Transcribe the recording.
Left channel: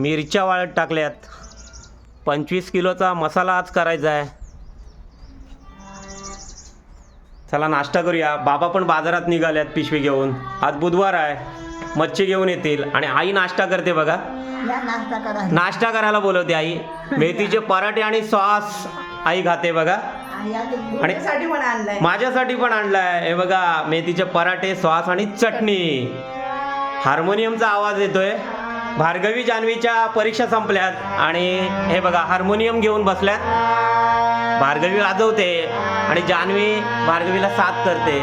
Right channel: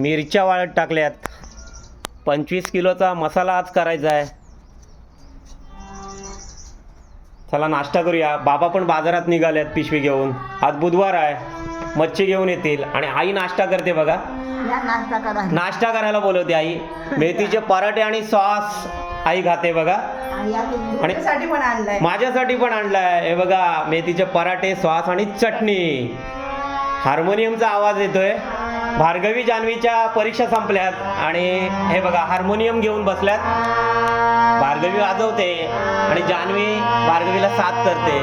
मिरच्या वाळत टाकल्यात. 25 किलोचा मसाला आज करायचा आहे. चला नाश्ता करूया. बाबा पण बाजारात निघाल्यात पिशवी घेऊन. आज बुधवार आहे, मच्छी घेऊन येतील. आणि आई नाश्ता करते बघा. नाश्ता करायला बोलवते आई. मेथीचे पराठे आणि सॉस आई खाते बघा. आणि माझ्यासाठी पण आणलाय. हे बघा, मेथीचे पराठे, सॉस आणि चटणी. हार्मोनियमचा आवाज येतोय. भार्गवी जान्हवीच्या परीक्षा संपल्यात आणि हे बघा हार्मोनियम घेऊन बसल्यात. भार्गवी वाजवते आणि जान्हवी भार्गवीला साथ करते.